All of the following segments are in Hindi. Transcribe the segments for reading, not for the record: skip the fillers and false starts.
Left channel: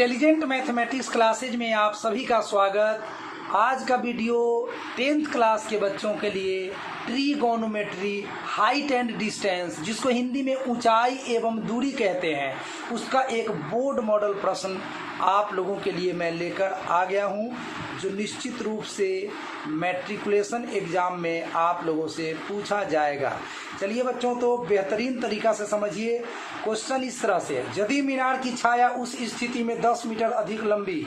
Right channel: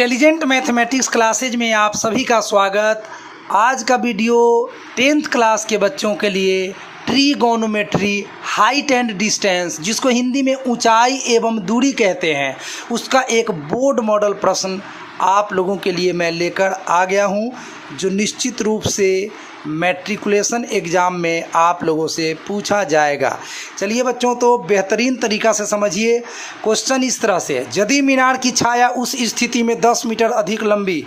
इंटेलिजेंट मैथमेटिक्स क्लासेज में आप सभी का स्वागत। आज का वीडियो 10th क्लास के बच्चों के लिए ट्रीगोनोमेट्री हाइट एंड डिस्टेंस, जिसको हिंदी में ऊंचाई एवं दूरी कहते हैं, उसका एक बोर्ड मॉडल प्रश्न आप लोगों के लिए मैं लेकर आ गया हूं, जो निश्चित रूप से मैट्रिकुलेशन एग्ज़ाम में आप लोगों से पूछा जाएगा। चलिए बच्चों, तो बेहतरीन तरीक़ा से समझिए। क्वेश्चन इस तरह से है, यदि मीनार की छाया उस स्थिति में 10 मीटर अधिक लंबी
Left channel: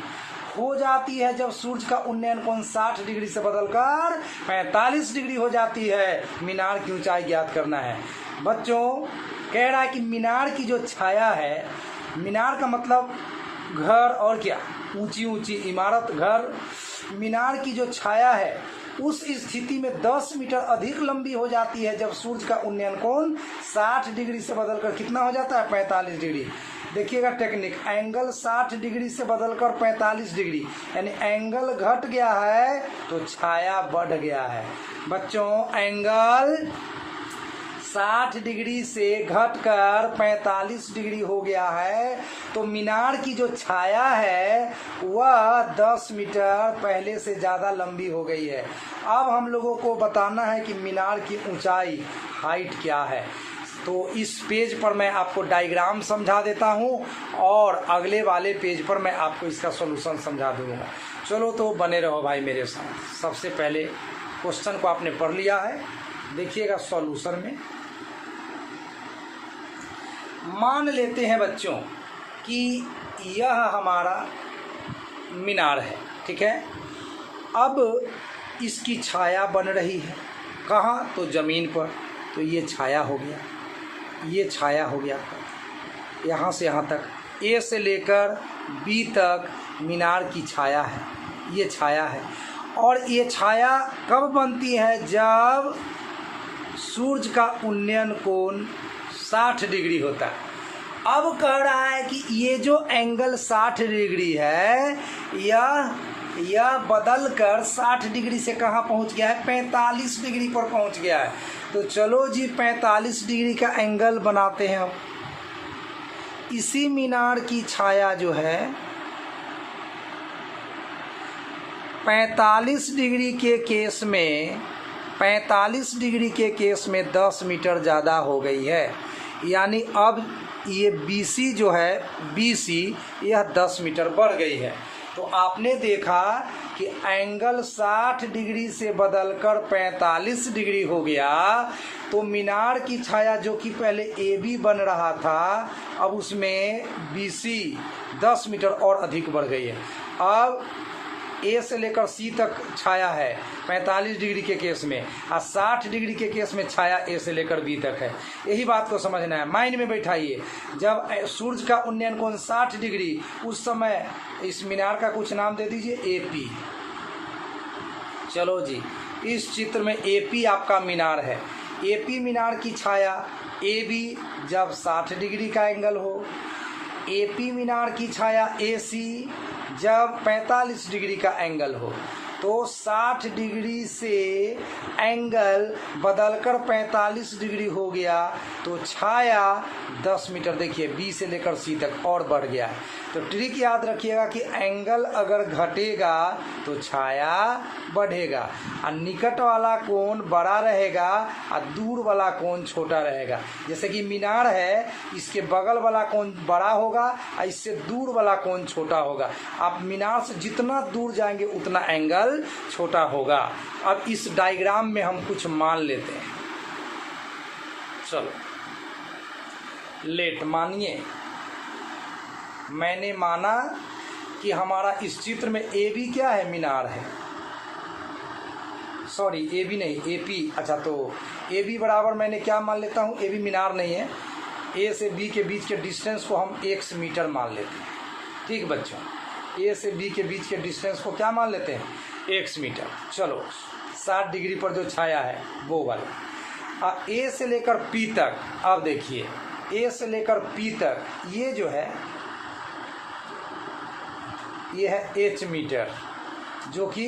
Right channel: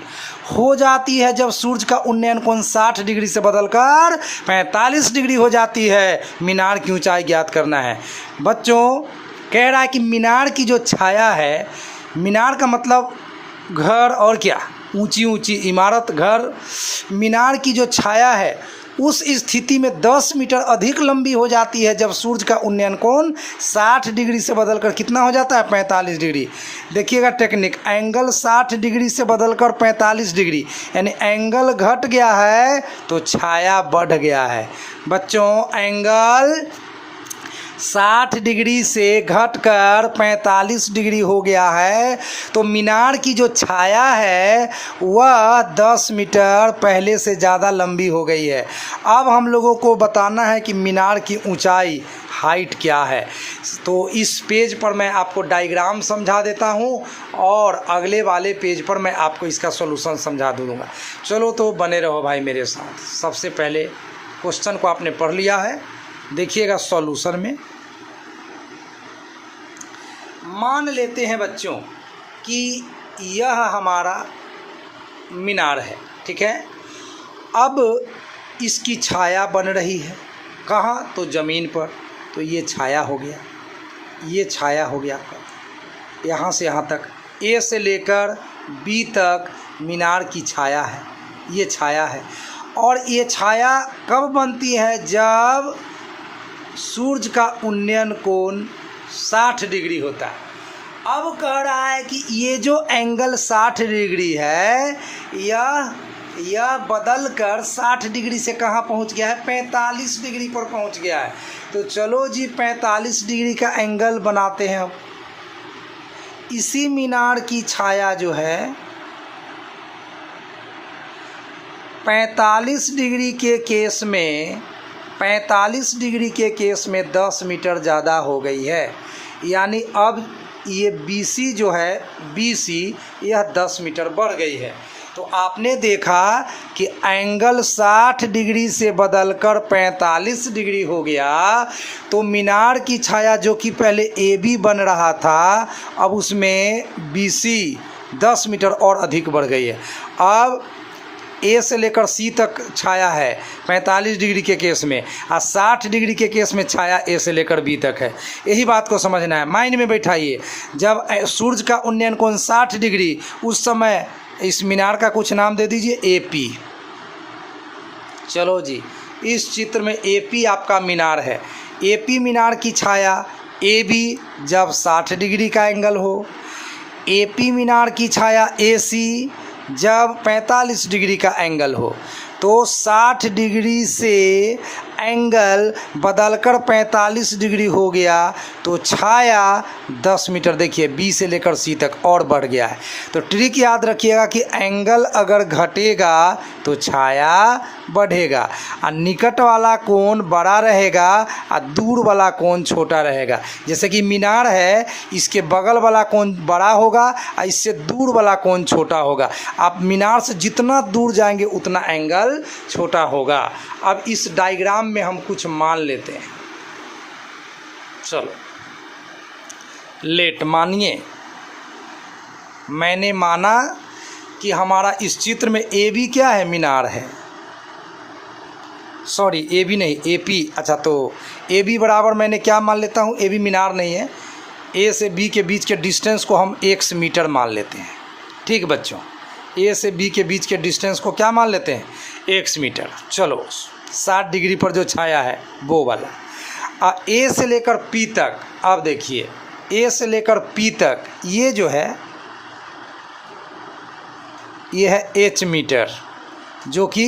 हो जाती है जब सूर्य का उन्नयन कोण 60 डिग्री से बदलकर 45 डिग्री हो जाती है, मीनार की ऊंचाई ज्ञात करना है। बच्चों, कह रहा है कि मीनार की जो छाया है, मीनार का मतलब घर और क्या, ऊंची ऊंची इमारत, घर। मीनार की जो छाया है उस स्थिति में 10 मीटर अधिक लंबी हो जाती है जब सूर्य का उन्नयन कोण 60 डिग्री से बदलकर कितना हो जाता है, 45 डिग्री। देखिएगा टेक्निक, एंगल 60 डिग्री से बदलकर 45 डिग्री, यानी एंगल घट गया है तो छाया बढ़ गया है। बच्चों, एंगल 60 डिग्री से घटकर 45 डिग्री हो गया है, तो मीनार की जो छाया है वह 10 मीटर पहले से ज़्यादा लंबी हो गई है। अब हम लोगों को बताना है कि मीनार की ऊंचाई हाइट क्या है। तो इस पेज पर मैं आपको डायग्राम समझा देता हूं और अगले वाले पेज पर मैं आपको इसका सॉल्यूशन समझा दूंगा। चलो तो बने रहो भाई मेरे साथ। सबसे पहले क्वेश्चन को आपने पढ़ लिया है, देखिएगा सॉल्यूशन में। मान लेते हैं बच्चों कि यह हमारा मीनार है, ठीक है। अब इसकी छाया बन रही है, कहाँ, तो ज़मीन पर। तो ये छाया हो गया, ये छाया हो गया, यहाँ से यहाँ तक, ए से लेकर बी तक मीनार की छाया है, ये छाया है। और ये छाया कब बनती है, जब सूर्य का उन्नयन कोण 60 डिग्री होता है। अब कह रहा है कि ये जो एंगल 60 डिग्री है, यह बदल कर 60 डिग्री से कहाँ पहुँच गया है, 45 डिग्री पर पहुँच गया है। तो चलो जी 45 डिग्री का एंगल बनाते हैं हम। इसी मीनार की छाया जो है 45 डिग्री के केस में 45 डिग्री के केस में 10 मीटर ज़्यादा हो गई है, यानी अब ये BC जो है, BC यह 10 मीटर बढ़ गई है। तो आपने देखा कि एंगल 60 डिग्री से बदलकर 45 डिग्री हो गया, तो मीनार की छाया जो कि पहले AB बन रहा था, अब उसमें BC 10 मीटर और अधिक बढ़ गई है। अब ए से लेकर सी तक छाया है 45 डिग्री के केस में, और 60 डिग्री के केस में छाया ए से लेकर बी तक है। यही बात को समझना है, माइंड में बैठाइए। जब सूर्य का उन्नयन कोण 60 डिग्री, उस समय इस मीनार का कुछ नाम दे दीजिए, AP। चलो जी, इस चित्र में AP आपका मीनार है। AP मीनार की छाया AB जब 60 डिग्री का एंगल हो, AP मीनार की छाया AC जब 45 डिग्री का एंगल हो। तो 60 डिग्री से एंगल बदलकर 45 डिग्री हो गया, तो छाया 10 मीटर, देखिए B से लेकर C तक और बढ़ गया है। तो ट्रिक याद रखिएगा कि एंगल अगर घटेगा तो छाया बढ़ेगा, और निकट वाला कोण बड़ा रहेगा और दूर वाला कोण छोटा रहेगा। जैसे कि मीनार है, इसके बगल वाला कोण बड़ा होगा और इससे दूर वाला कोण छोटा होगा। आप मीनार से जितना दूर जाएंगे उतना एंगल छोटा होगा। अब इस डायग्राम में हम कुछ मान लेते हैं। चलो लेट, मानिए मैंने माना कि हमारा इस चित्र में AB क्या है, मीनार है। सॉरी, AB नहीं, AP। अच्छा, तो AB बराबर मैंने क्या मान लेता हूँ, AB मीनार नहीं है। A से B के बीच के डिस्टेंस को हम x मीटर मान लेते हैं। ठीक बच्चों, A से B के बीच के डिस्टेंस को क्या मान लेते हैं, x मीटर। चलो 60 डिग्री पर जो छाया है वो वाला। A से लेकर P तक, अब देखिए A से लेकर P तक ये जो है, ये है h मीटर, जो कि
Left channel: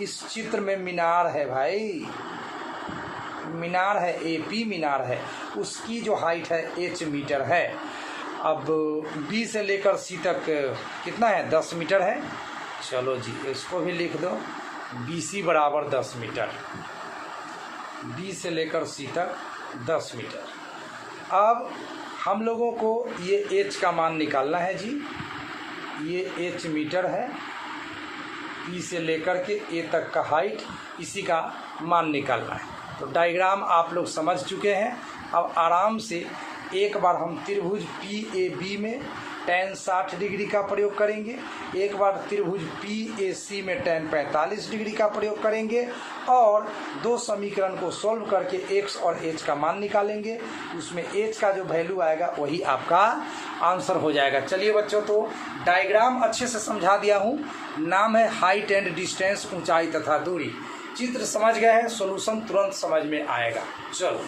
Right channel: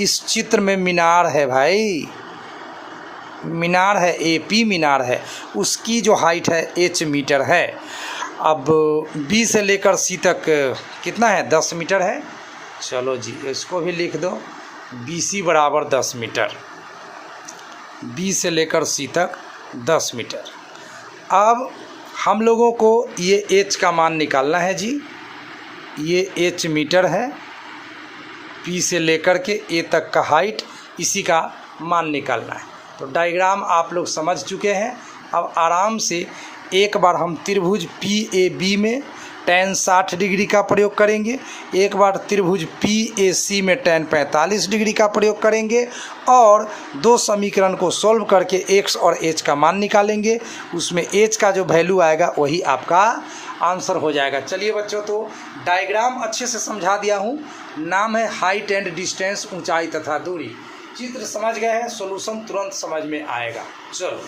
इस चित्र में मीनार है भाई, मीनार है, AP मीनार है, उसकी जो हाइट है h मीटर है। अब बी से लेकर सी तक कितना है, 10 मीटर है। चलो जी इसको भी लिख दो, बी सी बराबर 10 मीटर, बी से लेकर सी तक 10 मीटर। अब हम लोगों को ये एच का मान निकालना है जी, ये एच मीटर है, पी से लेकर के ए तक का हाइट, इसी का मान निकालना है। तो डायग्राम आप लोग समझ चुके हैं। अब आराम से एक बार हम त्रिभुज पी ए बी में tan 60 डिग्री का प्रयोग करेंगे, एक बार त्रिभुज पी ए सी में tan 45 डिग्री का प्रयोग करेंगे और दो समीकरण को सॉल्व करके x और h का मान निकालेंगे। उसमें h का जो वैल्यू आएगा वही आपका आंसर हो जाएगा। चलिए बच्चों, तो डायग्राम अच्छे से समझा दिया हूँ। नाम है हाइट एंड डिस्टेंस, ऊंचाई तथा दूरी। चित्र समझ गए हैं, सॉल्यूशन तुरंत समझ में आएगा। चलो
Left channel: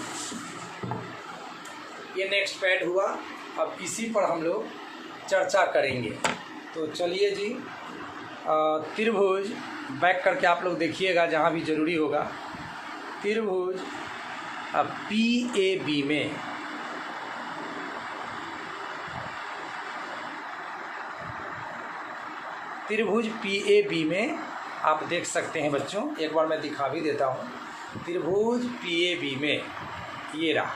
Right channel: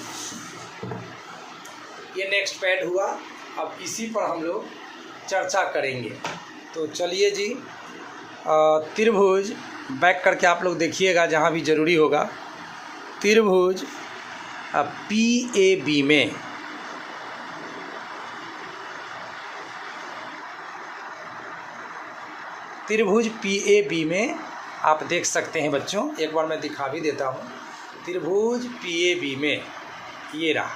ये नेक्स्ट पैड हुआ, अब इसी पर हम लोग चर्चा करेंगे। तो चलिए जी, त्रिभुज बैक करके आप लोग देखिएगा जहाँ भी ज़रूरी होगा। त्रिभुज पी ए बी में त्रिभुज पी ए बी में आप देख सकते हैं बच्चों, एक बार मैं दिखा भी देता हूँ। त्रिभुज पी ए बी में ये रहा,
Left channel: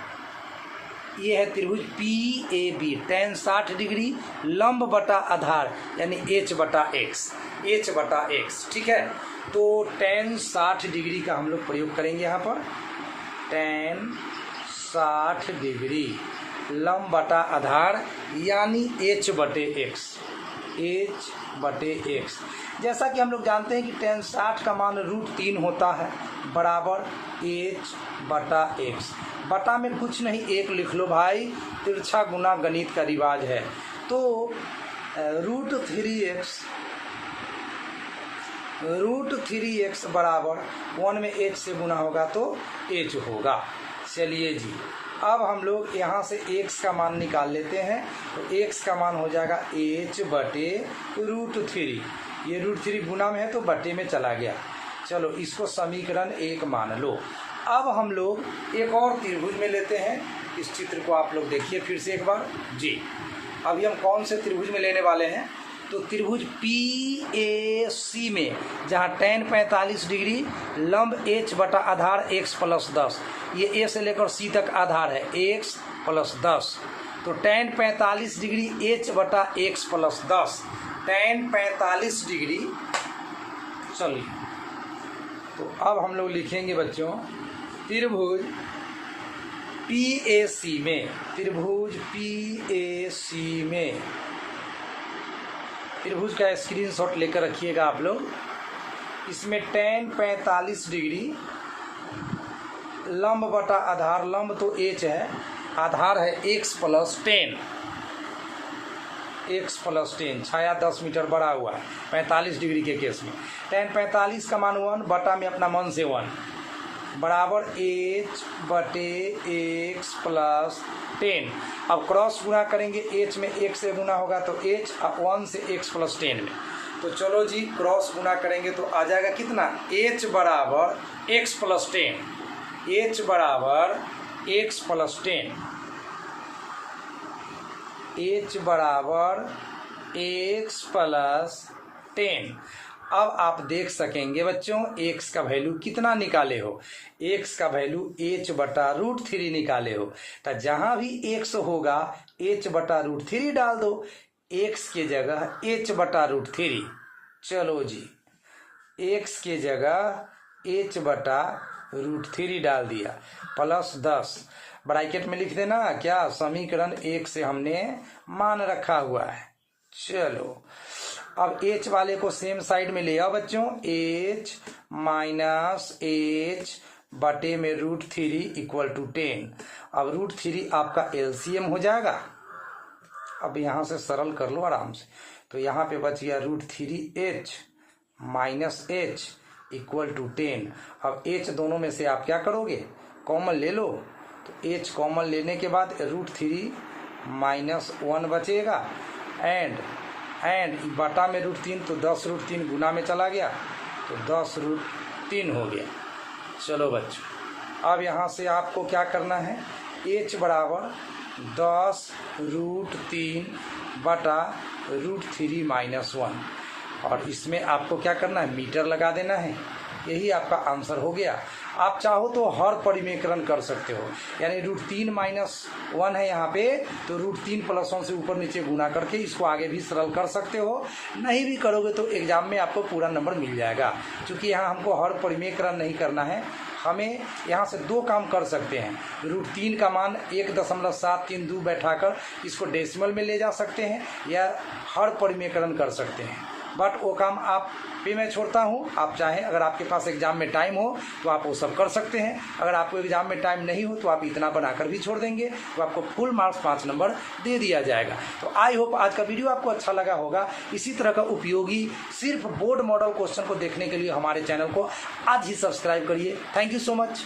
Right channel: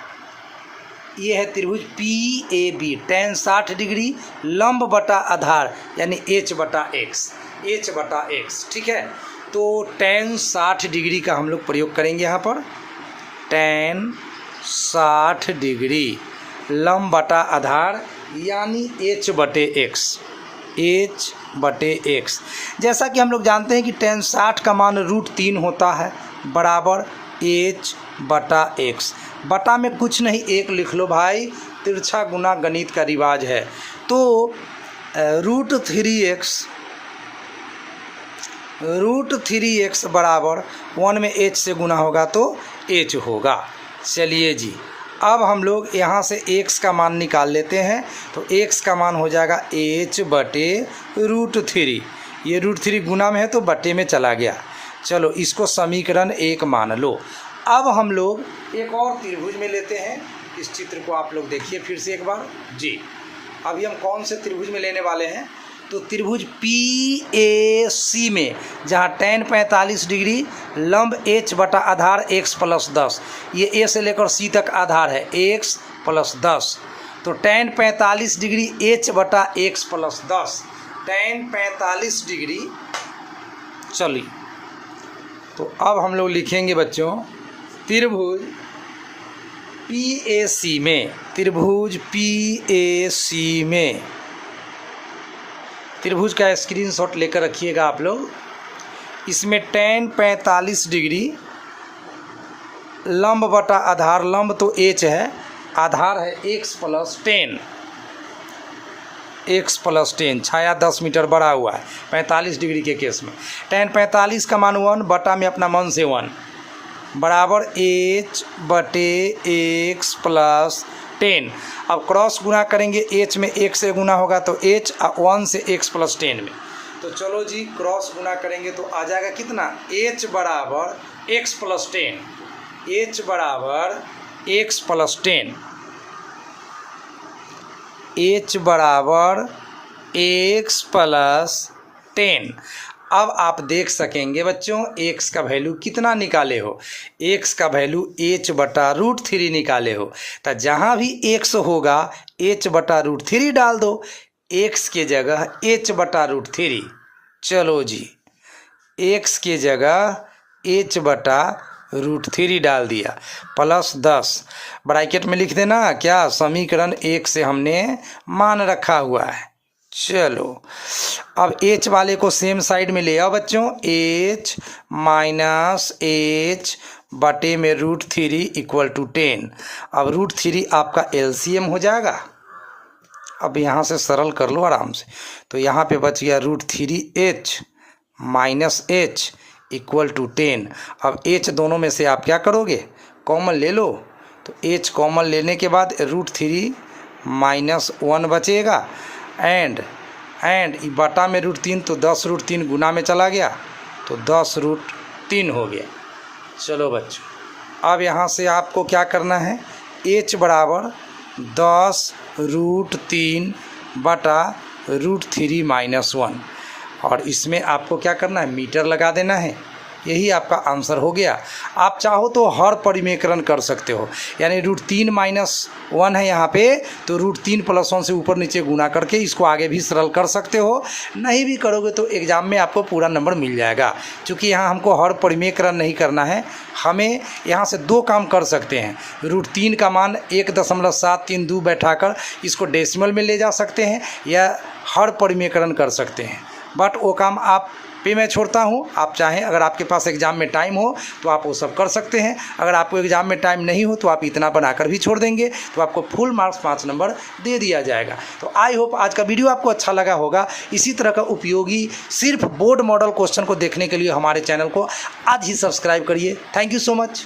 ये है त्रिभुज P A B, tan 60 degree लंब बटा आधार यानी h बटा x, ठीक है। तो tan 60 डिग्री का हम लोग प्रयोग करेंगे यहाँ पर, tan 60 डिग्री लंब बटा आधार यानी h बटे x। जैसा कि हम लोग जानते हैं कि tan 60 का मान √3 होता है, बराबर h बटा x। बटा में कुछ नहीं, एक लिख लो भाई, तिरछा गुना गणित का रिवाज है। तो √3x बराबर 1 में h से गुना होगा तो h होगा। चलिए जी, अब हम लोग यहाँ से x का मान निकाल लेते हैं। तो x का मान हो जाएगा h बटे √3। ये √3 गुना में है तो बटे में चला गया। चलो इसको समीकरण 1 मान लो। अब हम लोग एक और त्रिभुज में लेते हैं। इस चित्र को आप लोग देखिए फिर से एक बार जी। अभी हम कौन से त्रिभुज में लेने वाले हैं, तो त्रिभुज पी ए सी में, जहाँ tan 45 डिग्री लंब h बटा आधार x प्लस 10, ये a से लेकर c तक आधार है x प्लस 10। तो tan 45 डिग्री h बटा x प्लस 10, tan 45 डिग्री। चलिए तो अब हम लोग लिखेंगे बच्चों, त्रिभुज पी ए सी में, त्रिभुज पी ए सी में, त्रिभुज का स्क्रीनशॉट लेकर रखिएगा आप लोग। इसमें tan 45 डिग्री लंब बटा आधार, लंब तो h है, आधार है x प्लस 10, छाया 10 मीटर बढ़ा हुआ है 45 डिग्री के केस में। tan 45 का मान 1 बटा में अपना मन से 1 बराबर h बटे x प्लस 10। अब क्रॉस गुना करेंगे, h में 1 से गुना होगा तो h, 1 से x प्लस 10 में। तो चलो जी क्रॉस गुना करेंगे तो आ जाएगा कितना, h बराबर x प्लस 10, h बराबर x प्लस 10, h बराबर x प्लस 10। अब आप देख सकेंगे बच्चों x का वैल्यू कितना निकाले हो, x का वैल्यू h बटा √3 निकाले हो। तो जहाँ भी x होगा h बटा √3 डाल दो, x के जगह h बटा √3। चलो जी x के जगह h बटा √3 डाल दिया, प्लस 10 ब्रैकेट में लिख देना। क्या, समीकरण 1 से हमने मान रखा हुआ है। चलो अब h वाले को सेम साइड में ले आओ बच्चों, h माइनस h बटे में √3 इक्वल टू 10। अब √3 आपका LCM हो जाएगा। अब यहाँ से सरल कर लो आराम से। तो यहाँ पे बच गया √3h minus h equal to 10। अब h दोनों में से आप क्या करोगे, कॉमन ले लो। तो h कॉमन लेने के बाद √3 माइनस 1 बचेगा, एंड बटा में √3 तो 10 √3 गुना में चला गया तो 10 √3 हो गया। चलो बच्चों अब यहाँ से आपको क्या करना है, h बराबर 10√3/√3-1 और इसमें आपको क्या करना है, मीटर लगा देना है। यही आपका आंसर हो गया। आप चाहो तो हर परिमेकरण कर सकते हो, यानी √3-1 है यहाँ पे, तो √3 + 1 से ऊपर नीचे गुना करके इसको आगे भी सरल कर सकते हो। नहीं भी करोगे तो एग्ज़ाम में आपको पूरा नंबर मिल जाएगा। क्योंकि यहाँ हमको हर परिमेकरण नहीं करना है, हमें यहाँ से 2 काम कर सकते हैं। √3 का मान 1.732 बैठाकर इसको डेसिमल में ले जा सकते हैं, या हर परिमेकरण कर सकते हैं। बट वो काम आप पे मैं छोड़ता हूँ। आप चाहें, अगर आपके पास एग्ज़ाम में टाइम हो तो आप वो सब कर सकते हैं। अगर आपको एग्ज़ाम में टाइम नहीं हो तो आप इतना बनाकर भी छोड़ देंगे, तो आपको फुल मार्क्स 5 नंबर दे दिया जाएगा। तो आई होप आज का वीडियो आपको अच्छा लगा होगा। इसी तरह का उपयोगी सिर्फ बोर्ड मॉडल क्वेश्चन को देखने के लिए हमारे चैनल को आज ही सब्सक्राइब करिए। Thank you so much.